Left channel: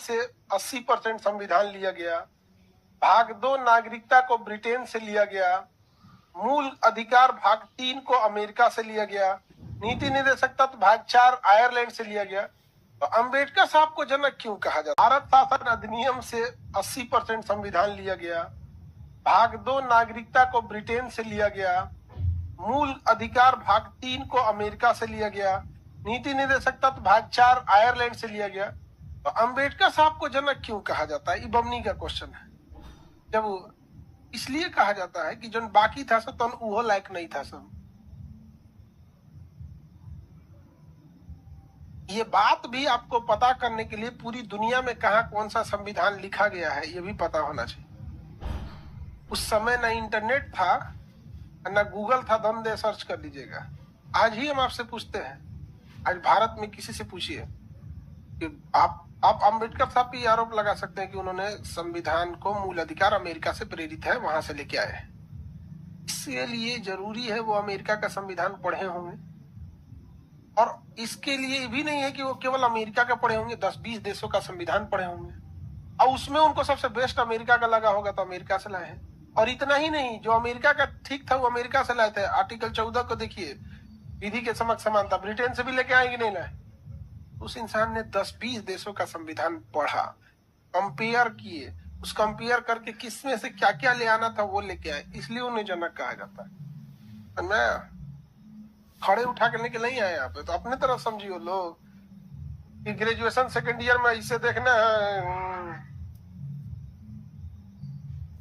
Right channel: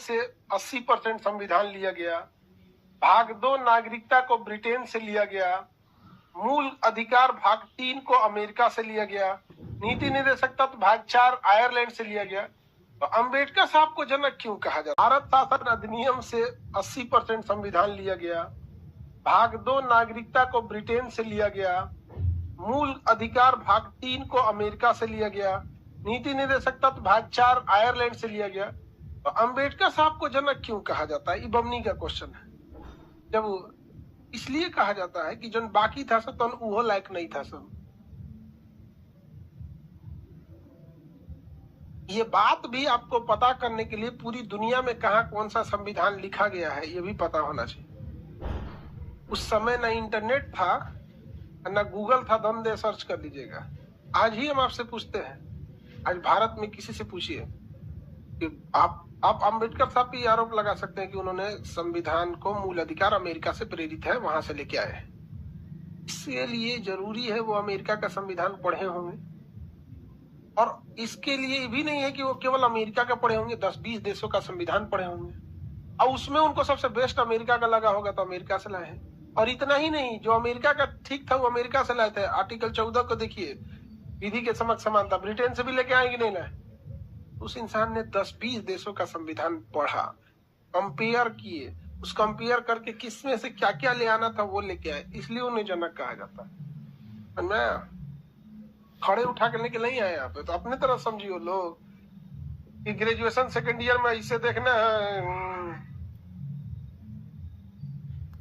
से 80% संविधान लिया गया। भाग 2 नागरिकता को ब्रिटेन से लिया गया। मूल अधिकार भाग 3 को अमेरिका से लिया गया। नीति निर्देशक तत्व भाग 4 आयरलैंड से लिया गया। तो अम्बेडकर साहब को जनक क्यों कहा जाता है? भारत शासन अधिनियम से 80% संविधान लिया गया। भाग 2 नागरिकता को ब्रिटेन से लिया गया। मूल अधिकार भाग 3 को अमेरिका से लिया गया। नीति निर्देशक तत्व भाग 4 आयरलैंड से लिया गया। तो अम्बेडकर साहब को जनक क्यों कहा जाता है? ये बमनी का क्वेश्चन है। जब इसलिए कहा जाता है कि जो बाकी था सब तो वो लायक नहीं था सब। ये बात भी आपको पता करने के लिए पूरी दुनिया में कहा कौन सा संविधान लिखा गया है ये भी पता होना चाहिए। उस समय ना इंटरनेट था ना गूगल था, दम दे सर्च कर लीजिएगा। आज ही हम आपसे पूछते हैं, आज भारत में किसी से पूछिए कि आप अम्बेडकर साहब पे आरोप लगा सकते हैं कि उन्होंने संविधान को मूल अधिकार अमेरिका से प्रेरित है, वहां से लेके आए हैं। इसलिए जरूरी है वो अमेरिका का संविधान पढ़े होंगे, और इसके लिए भी नहीं है कि वो केवल अमेरिका का पढ़े होंगे, 10-20 देशों का संविधान पढ़े होंगे और उसमें उनको सबसे बेस्ट अमेरिका का लगा होगा तो अमेरिका से लाए हैं। और इतना ही नहीं, जो अमेरिका का ठीक था वो अमेरिका से लाए थे। आर्टिकल 14 को देखिए, विधि के समक्ष समानता, ब्रिटेन से भी लेके आएंगे नहीं लाए। उस इंसान ने 10-20 देशों का संविधान पढ़ा, कंपेयर किए, उस कंपेयर करके किसमें से क्या क्या ले आना था वो लेके आए, इसलिए उन्हें जनक कहा जाता है। मैं खड़े उठा के लेके नहीं आए यहाँ पे, तो अपने तरफ समझिए लोग कि ग्रेजुएशन सेकेंड ईयर में इसे देखना है